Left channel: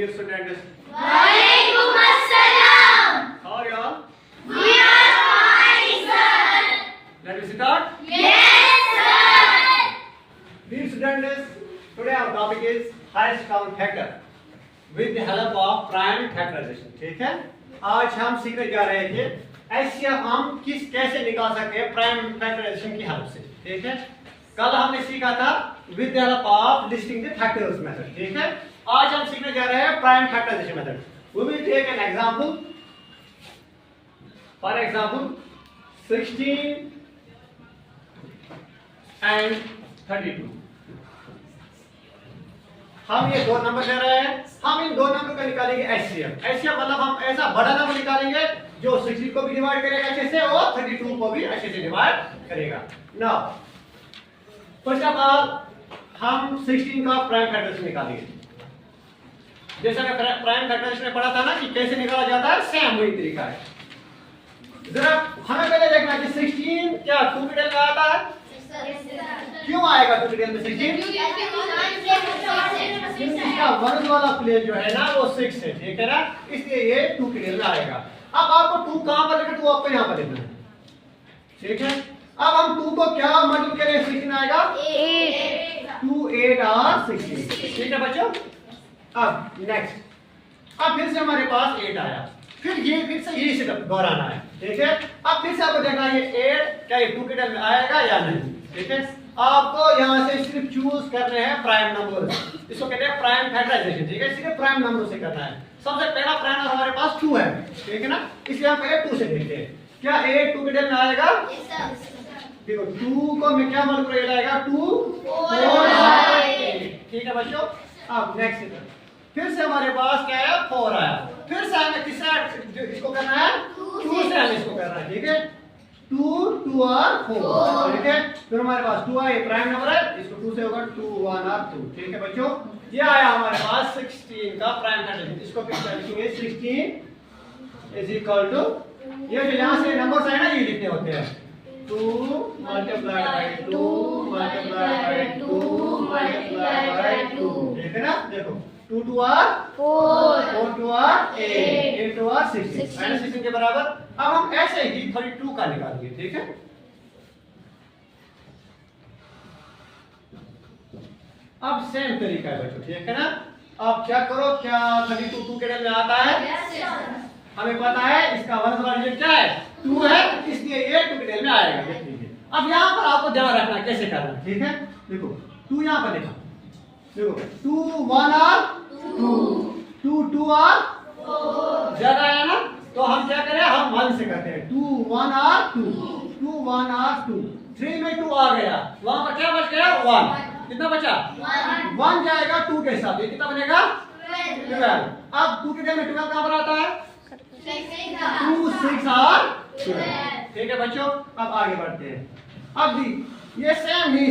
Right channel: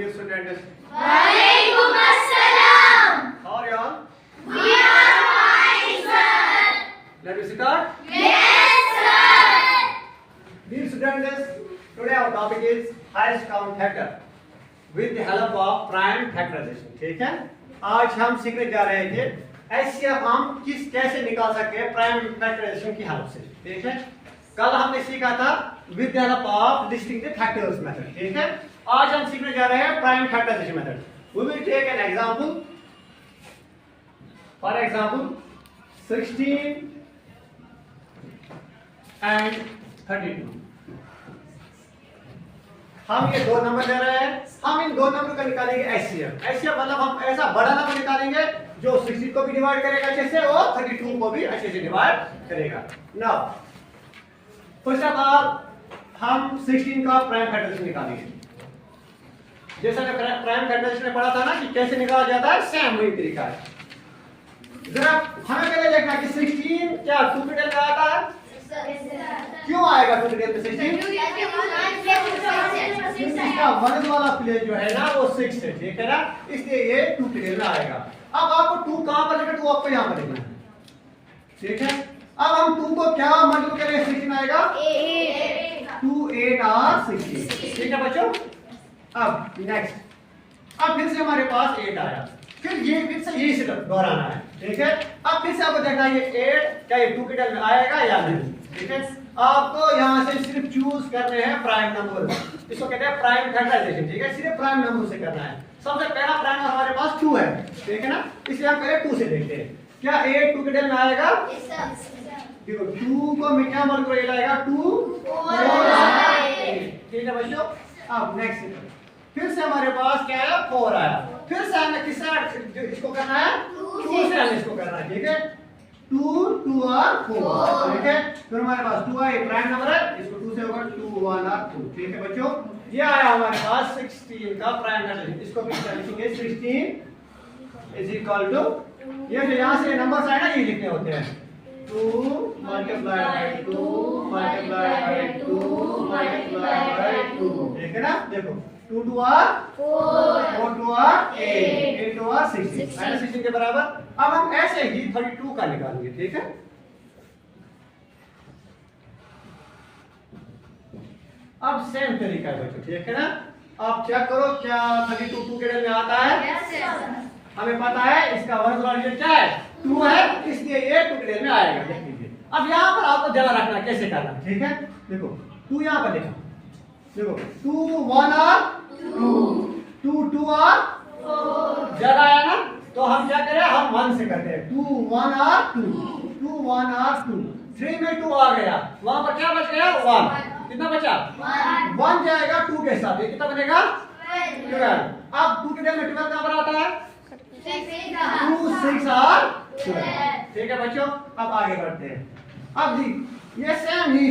Dear students, Walaikum Assalam. how are you all? We are fine, sir. Let me start. Yes, sir. Dear students, today our topic is highest common factor with the help of prime factorization. ठीक है? आज हम सीखने जा रहे थे HCF हम कैसे निकाल सकते हैं प्राइम फैक्टराइजेशन की हेल्प से. ठीक है? कल हमने सीखा था with the help of listing the factors method. ठीक है? आज हम सीखने जा रहे हैं prime factorization method. We will take an example. For example, 16 and 32. हम ये दो नंबर ले रहे हैं. हम इन दो नंबर को निकालेंगे HCF. HCF मतलब हम ऐसा बड़ा नंबर निकालेंगे जो 16 को भी डिवाइड करेगा अच्छे से और 32 को भी अच्छे से डिवाइड करेगा. नाउ फर्स्ट ऑफ ऑल हम 16 का प्राइम फैक्टराइजेशन निकालेंगे. जैसा कि प्राइम फैक्टराइजेशन में पढ़ा था ना कि कैसे निकाला जाता है, सेम वही तरीका है. जरा हमें पहले देखना है कि 16 क्या 2 के टेल में आता है. क्यों आएगा 2 के टेल में 16? इसका वर्ग वाला प्लेस जो है ना वो 6 है. ठीक है ना, इसलिए ये 2 के टेल में आएगा. अब आपको 2 कहां पर लिखना है, 2 आपको यहां पर लिखना है. ठीक है, अब हम 2 को क्या मल्टीप्लाई करें, 16 आएगा 2 8 और 16. ठीक है बच्चों. अब नेक्स्ट, अब फिर से हमारे पास 8 आया, फिर से यही से दोहराना है. ठीक है, अब फिर से आपको देखना है ये 8 क्या ये 2 के टेल में आएगा या नहीं. ठीक है, आपको यहां से सिर्फ चूज करने हैं प्राइम नंबर. इसको कहते हैं प्राइम फैक्टराइजेशन. ठीक है, सिर्फ प्राइम नंबर से करना है. सबसे पहला प्राइम नंबर हमारे पास 2 है. ठीक है ना, इसलिए हम पहले 2 से देखते हैं क्या 8 2 के टेल में आएगा. देखो 2 को मैं क्या मल्टीप्लाई आएगा 2 4 8. ठीक है बच्चों. अब नेक्स्ट फिर से हमारे पास क्या आया 4 आया. फिर से हमें किससे इसको करना है 2 से हमें इसको करना है. ठीक है, 2 2 और 4. ठीक है, फिर हमारे पास 2 आया, प्राइम नंबर है, इसको 2 से होगा 2 1 और 2. ठीक है बच्चों, ये आया हमारे पास 16 का प्राइम फैक्टराइजेशन. इसको फिर लिखेंगे 16 इज इक्वल टू ये जो यहां से नंबर्स आए ना ये लिखने होते हैं 2 multiplied by 2 multiplied by 2 multiplied by 2. ठीक है ना, देखो 2 2 और 4 2 और 8 8 2 और 16 -16 के बराबर. अब हम ऐसे ही 32 का निकालेंगे. ठीक है, अब सेम तरीका है बच्चों. ठीक है ना, आप चेक करो क्या 32 2 के टेल में आता है. हमें पता है इसका वर्ग वाला रिजल्ट क्या है 2 है, इसलिए ये 2 के टेल में आएगा. देख लीजिए. अब यहाँ पर आपको ध्यान रखना कैसे करना है. ठीक है, देखो 2 यहाँ पर लिखा, देखो 2 1 और 2 2 2 और 4 ज्यादा आया ना, तो हम क्या करें हम 1 से करते हैं. 2 1 और 2 2 1 और 2 3 में 2 आ गया, वहां पर क्या बच गया 1. कितना बचा 1 जाएगा 2 के साथ, ये कितना बनेगा 12. अब 2 के टेल में 12 कहां पर आता है 2 6 और 12. ठीक है बच्चों, अब आगे बढ़ते हैं. अब दी ये सेम ही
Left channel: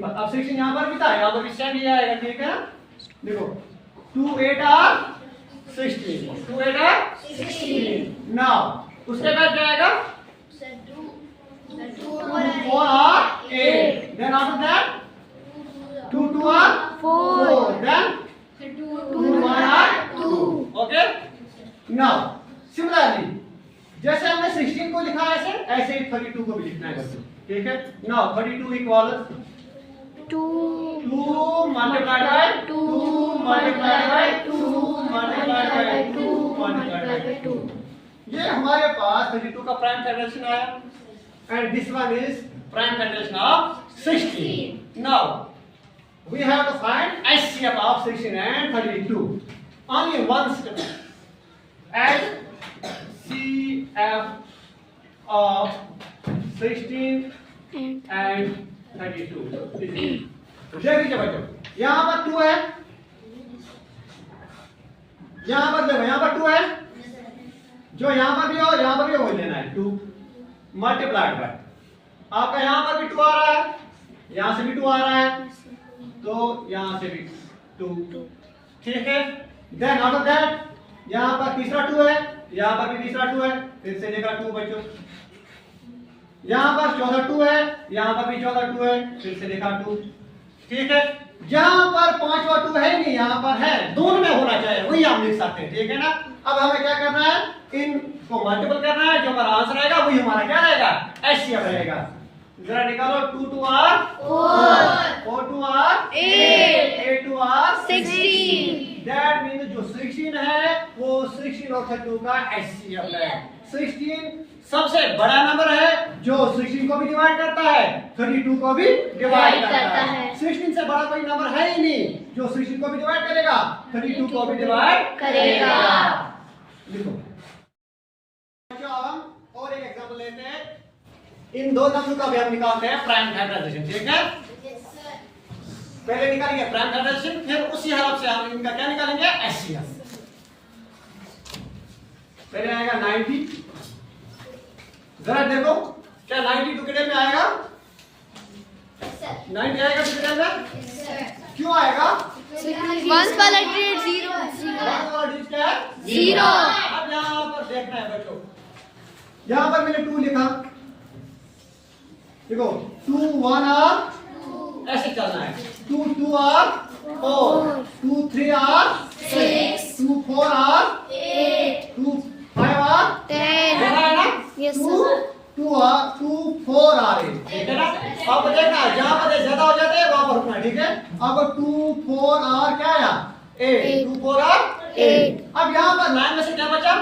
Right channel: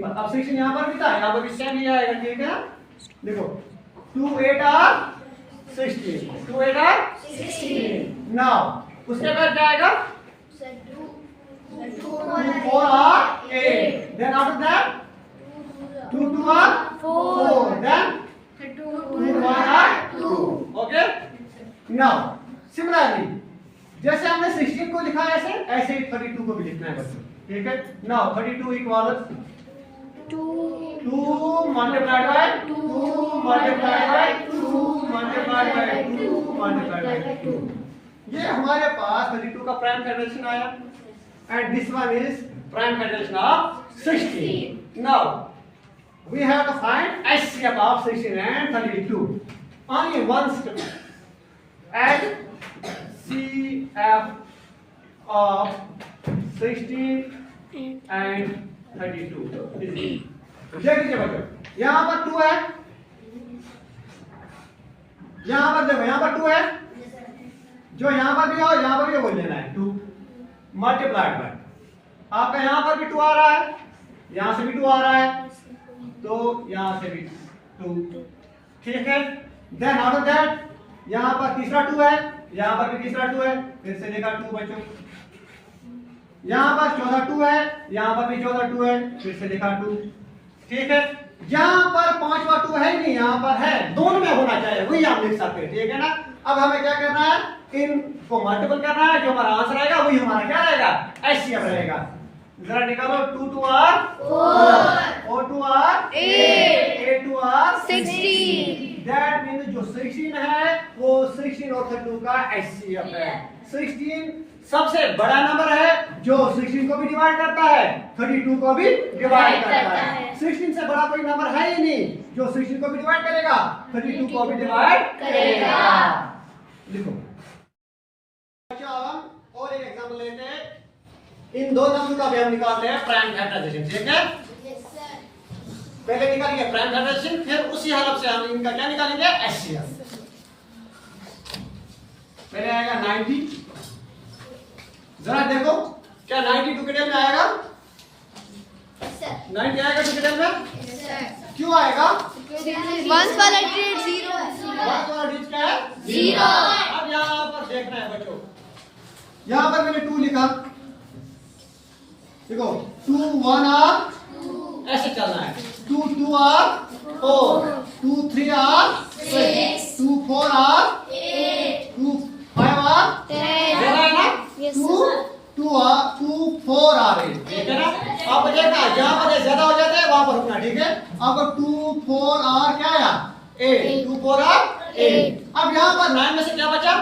अब 16 यहां पर भी था, यहां पर भी सेम ही आएगा. ठीक है, देखो 2 8 और 16 2 8 और 16. नाउ उसके बाद क्या आएगा 2 4 और 8. देन आफ्टर दैट 2 2 और 4. देन 2 1 और 2. ओके, नाउ सिमिलरली जैसे हमने 16 को लिखा है ऐसे ही 32 को भी लिखना है बच्चों. ठीक है, now 32 equal 2 multiplied by 2 multiplied by 2 multiplied by 2 multiplied by 2. ये हमारे पास 32 का प्राइम फैक्टराइजेशन आया and this one is prime factorization of 16. Now we have to find HCF of 16 and 32. Only one step. Add CF of 16 and 32. देख लीजिए बच्चों, यहां पर 2 है, यहां पर देखो यहां पर 2 है, जो यहां पर भी हो यहां पर भी वही लेना है 2 मल्टीप्लाइड बाय. आपका यहां पर भी 2 आ रहा है, यहां से भी 2 आ रहा है, तो यहां से भी 2. ठीक है, देन आफ्टर दैट यहां पर तीसरा 2 है, यहां पर भी तीसरा 2 है, फिर से लेगा 2 बच्चों. यहां पर चौथा 2 है, यहां पर भी चौथा 2 है, फिर से लिखा 2. ठीक है, यहाँ पर 5वां 2 है नहीं, यहाँ पर है, दोनों में होना चाहिए. हम लिख सकते हैं, ठीक है ना। अब हमें क्या करना है, इनको मल्टीपल करना है, जो हमारा आंसर आएगा वही हमारा क्या रहेगा, एचसीएफ रहेगा। जरा निकालो, 2 2 r 4, 4 2 r 8, 8 2 r 16। That means जो 16 है वो 16 और 32 का एचसीएफ है। 16 सबसे बड़ा नंबर है जो 16 को भी डिवाइड करता है, 32 को भी डिवाइड करता है। 16 से बड़ा कोई नंबर है ही नहीं जो 16 को भी डिवाइड करेगा, 32 को भी डिवाइड करेगा। लिखो बच्चों, अब हम और एक एग्जांपल लेते हैं। इन दो नंबर का भी हम निकालते हैं प्राइम फैक्टराइजेशन, ठीक है। पहले निकालेंगे प्राइम फैक्टराइजेशन, फिर उसी हालत से हम इनका क्या निकालेंगे, एचसीएफ। पहले आएगा 90। जरा देखो क्या 90 टू के टेबल में आएगा, 90 आएगा टू के टेबल में, क्यों आएगा, वंस वाला डिजिट 0 वन वाला डिजिट क्या है, 0। अब यहाँ पर देखना है बच्चों, यहाँ पर मैंने 2 लिखा, देखो 2 1 r ऐसे चलना है, 2 2 r 4, 2 3 r 6, 2 4 r 8, 2 5 r 10। देखा है ना, Yes, 2 2 4 r 8, ठीक है ना। अब देखना जहाँ पर ज्यादा हो जाते हैं वहां पर रुकना, ठीक है। अब 2 4 r क्या आया, 8, 2 4 r 8। अब यहाँ पर 9 में से क्या बचा,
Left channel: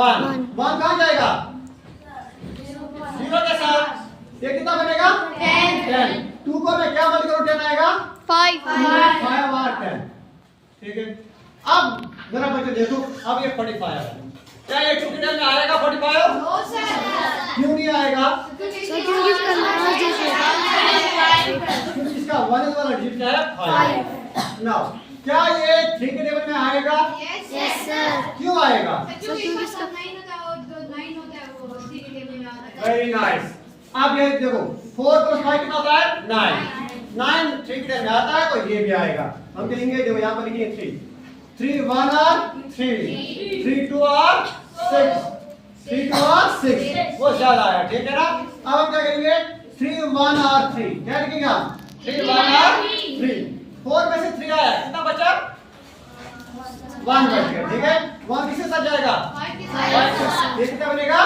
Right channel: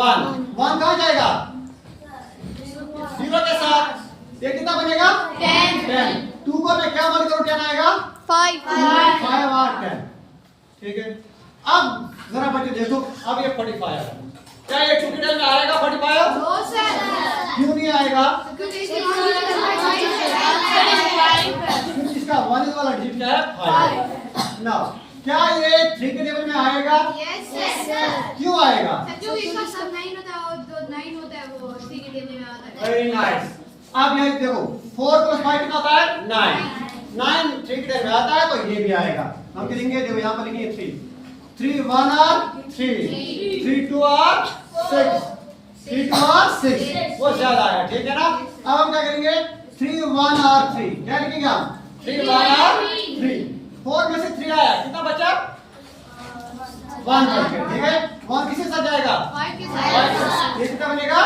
1 1 कहाँ जाएगा, 0 के साथ, ये कितना बनेगा, 10। 2 को मैं क्या मल्टीप्लाई करूं, 10 आएगा, 5 5 और 10, ठीक है। अब जरा बच्चों देखो, अब ये 45 है, क्या ये टू में आएगा 45? नो सर, क्यों नहीं आएगा, क्योंकि क्योंकि इसका 1 वाला डिजिट क्या है, 5। नाउ क्या ये 3 के टेबल में आएगा, यस सर, क्यों आएगा, क्योंकि इसका सब 9 होता है और जो 9 होता है वो 3 के टेबल में आता है। Very nice. अब ये देखो 4 + 5 कितना होता है, 9। 9 3 के टेबल में आता है तो ये भी आएगा। हम लिखेंगे, देखो यहाँ पर लिखेंगे 3 3 1 r 3, 3 2 r 6, 3 2 r 6, वो ज्यादा आया, ठीक है ना। अब हम क्या करेंगे, 3 1 r 3, क्या लिखेंगे हम, 3 1 r 3, 4 में से 3 आया, कितना बचा, 1 बच गया, ठीक है। 1 किसके साथ जाएगा, 5 के 5 साथ ये कितना बनेगा,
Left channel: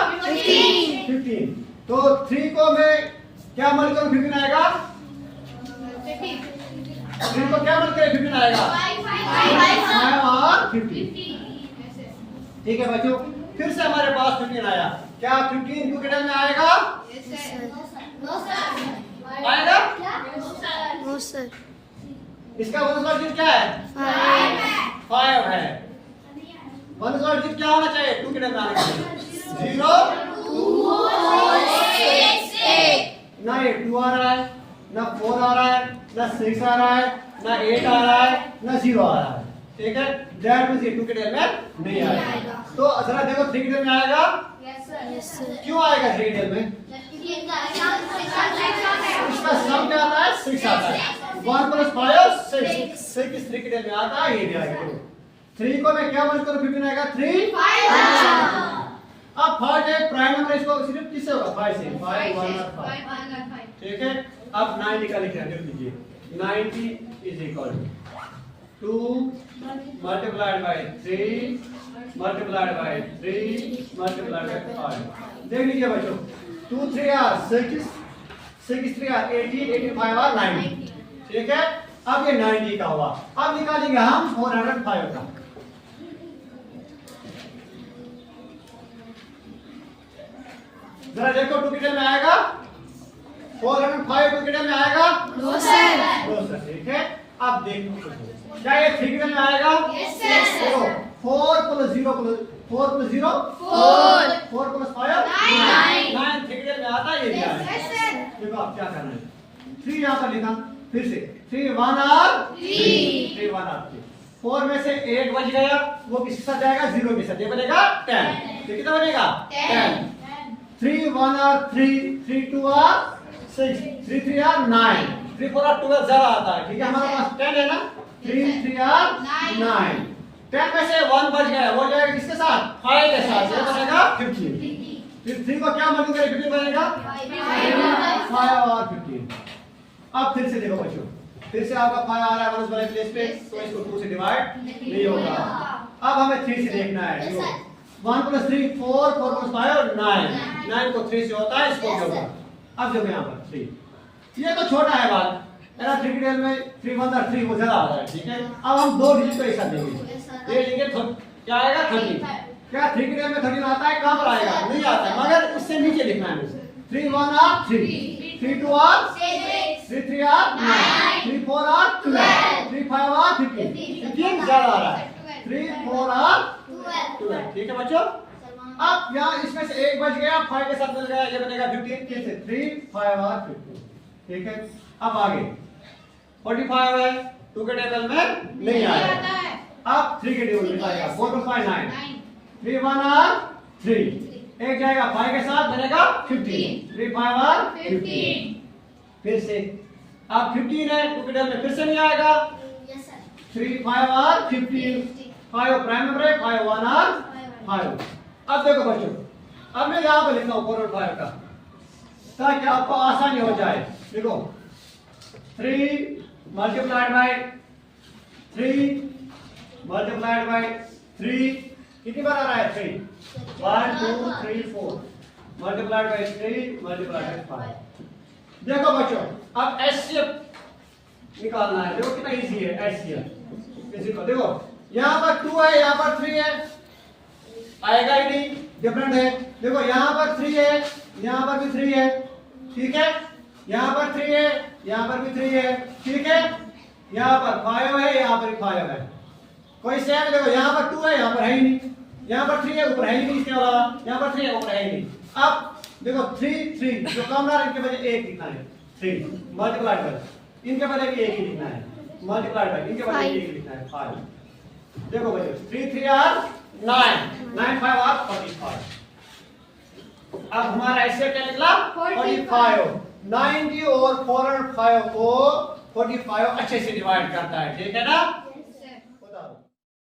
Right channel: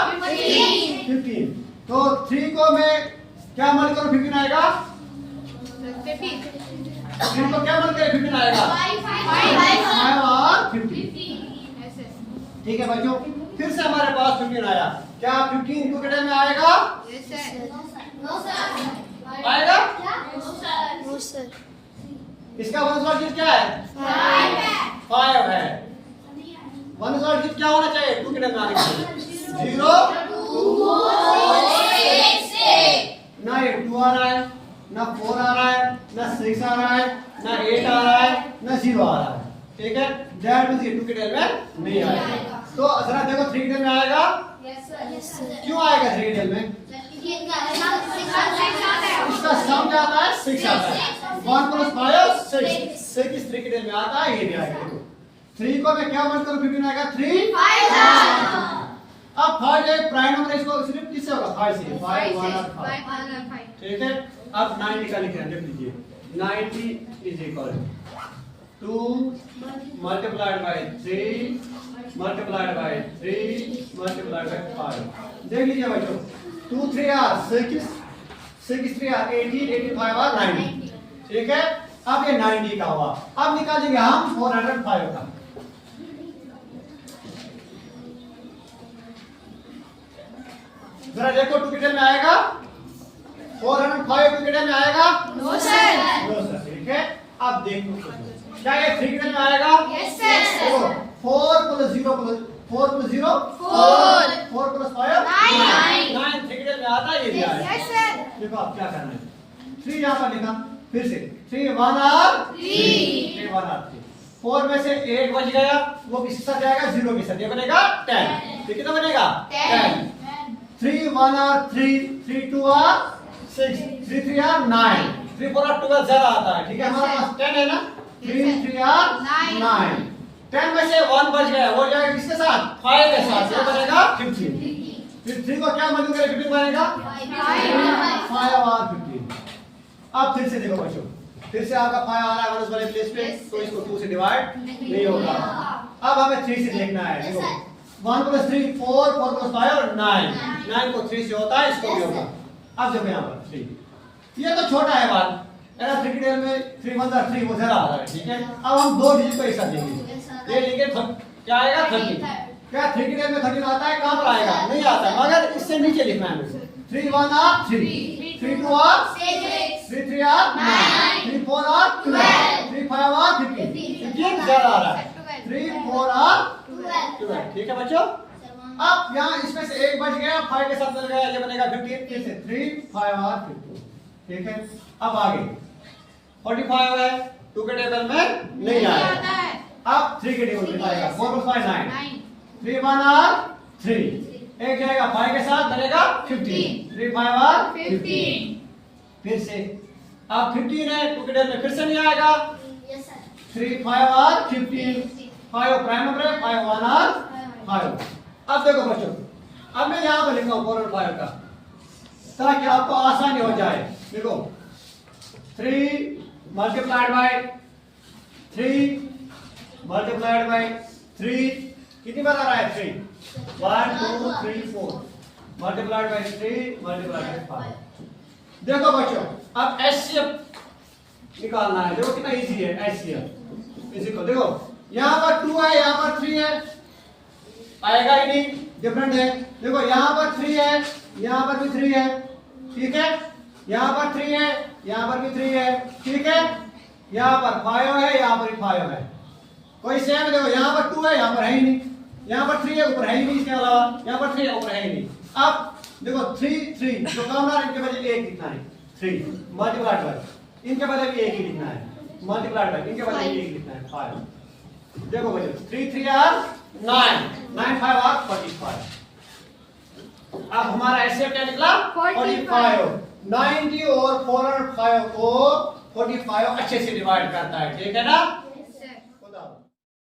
15। तो 3 को मैं क्या मल्टीप्लाई करूं, 15 आएगा, 3 को क्या मल्टीप्लाई 15 आएगा, 5 और 15, ठीक है बच्चों। फिर से हमारे पास 15 आया, क्या 15 टू के टेबल में आएगा, आएगा, नो सर। इसका 1 वाला डिजिट क्या है, 5 है। 1 वाला डिजिट क्या होना चाहिए टू के टेबल में आने के लिए, 0 ना ये 2 आ रहा है, ना 4 आ रहा है, ना 6 आ रहा है, ना 8 आ रहा है, ना 0 आ रहा है, ठीक है। दैट मींस ये 2 के टेबल में नहीं आएगा। तो जरा देखो 3 के टेबल में आएगा, क्यों आएगा 3 के टेबल में, इसका सम क्या आता है, 6 आता है, 1 + 5 6, 6 3 के टेबल में आता है, ये भी आएगा। 3 को मैं क्या मल्टीप्लाई करूं, 15 आएगा, 3 अब 5 है प्राइम नंबर, इसको सिर्फ किससे होगा, 5 से, 5 1 और 5, ठीक है। अब 90 का लिखिए, देख लीजिए 90 = 2 multiplied by 3 multiplied by 3 multiplied by 5। देख लीजिए बच्चों, 2 3 r 6, 6 3 r 18, 85 r 90, ठीक है। अब ये 90 का हुआ, अब निकालेंगे हम 405 का। जरा देखो 2 के टेबल में आएगा, 405 टू के टेबल में आएगा, नो सर, नो सर, ठीक है। अब देखो क्या ये 3 के टेबल में आएगा, यस सर, देखो 4 + 0 4 + 0 4, 4 + 5 9, 9 3 के टेबल में आता है, ये भी आएगा। यस सर, देखो आप क्या करना है, 3 यहाँ पर लिखा, फिर से 3 1 r 3 1 r 3, 4 में से 8 बच गया, वो किसके साथ जाएगा, 0 के साथ, ये बनेगा 10, ये कितना बनेगा, 10। 3 1 r 3, 3 2 r 6, 3 3 r 9, 3 4 r 12 ज्यादा आता है, ठीक है। हमारे पास 10 है ना, 3 3 r 9, 10 में से 1 बच गया, वो जाएगा किसके साथ, 5 के साथ, ये बनेगा 15। फिर 3 को क्या मल्टीप्लाई करें, 15 बनेगा, 5 और 15। अब फिर से देखो बच्चों, फिर से आपका 5 आ रहा है 1 वाले प्लेस पे, तो इसको 2 से डिवाइड नहीं होगा। अब हमें 3 से देखना है। देखो 1 + 3 4, 4 + 5 9, 9 को 3 से होता है, इसको भी होगा। अब देखो यहाँ पर 3, ये तो छोटा है बात, मेरा 3 की टेबल में 3 1 3 वो जरा आ रहा है, ठीक है। अब हम 2 डिजिट को एक साथ देंगे, ये लेंगे क्या आएगा 30। क्या 3 की टेबल में 13 आता है? कहाँ पर आएगा? नहीं आता, मगर इससे नीचे लिखना है। 3 1 are 3, 3 2 are 6, 3 3 are 9, 3 4 are 12, 3 5 are 15, 15 ज्यादा आ रहा है, 3 4 are 12, ठीक है बच्चों। अब यहाँ इसमें से एक बच गया, 5 के साथ मिल गया, ये बनेगा 15, फिर से 3 5 are 15, ठीक है। अब आगे 45 है, 2 के टेबल में नहीं आया, अब 3 के टेबल में आएगा। 4 + 5 9, 3 1 are 3, एक जाएगा 5 के साथ बनेगा 15, 3 5 are 15, फिर से अब 15 है, 2 के टेबल में फिर से नहीं आएगा, 3 5 are 15, 5 प्राइम नंबर है, 5 1 are 5। अब देखो बच्चों, अब मैं यहाँ पे लिखता हूँ 4 और 5 का, ताकि आपको आसानी हो जाए। देखो 3 multiplied by 3 multiplied by 3, कितनी बार आ रहा है 3? 1 2 3 4 multiplied by 3 multiplied by 5। देखो बच्चों, अब एचसीएफ निकालना है। देखो कितना इजी है एचसीएफ। इसी को देखो, यहाँ पर 2 है, यहाँ पर 3 है, आएगा ही नहीं, डिफरेंट है। देखो यहाँ पर 3 है, यहाँ पर भी 3 है, ठीक है। यहाँ पर 3 है, यहाँ पर भी 3 है, ठीक है। यहाँ पर 5 है, यहाँ पर भी 5 है, कोई सेम है। देखो यहाँ पर 2 है, यहाँ पर है ही नहीं, यहाँ पर 3 है, ऊपर है ही नहीं, इसके अलावा यहाँ पर 3 है, ऊपर है ही नहीं। अब देखो 3 3 जो कॉमन इनके बजाय 1 लिखना है, 3 मल्टीप्लाइड बाय इनके बजाय भी 1 ही लिखना है, मल्टीप्लाइड बाय इनके बजाय 1 ही लिखना है 5। देखो बच्चों 3 3 are 9, 9 5 are 45। अब हमारा ऐसे क्या निकला 45। 90 और 4 और 5 को 45 अच्छे से डिवाइड करता है, ठीक है ना।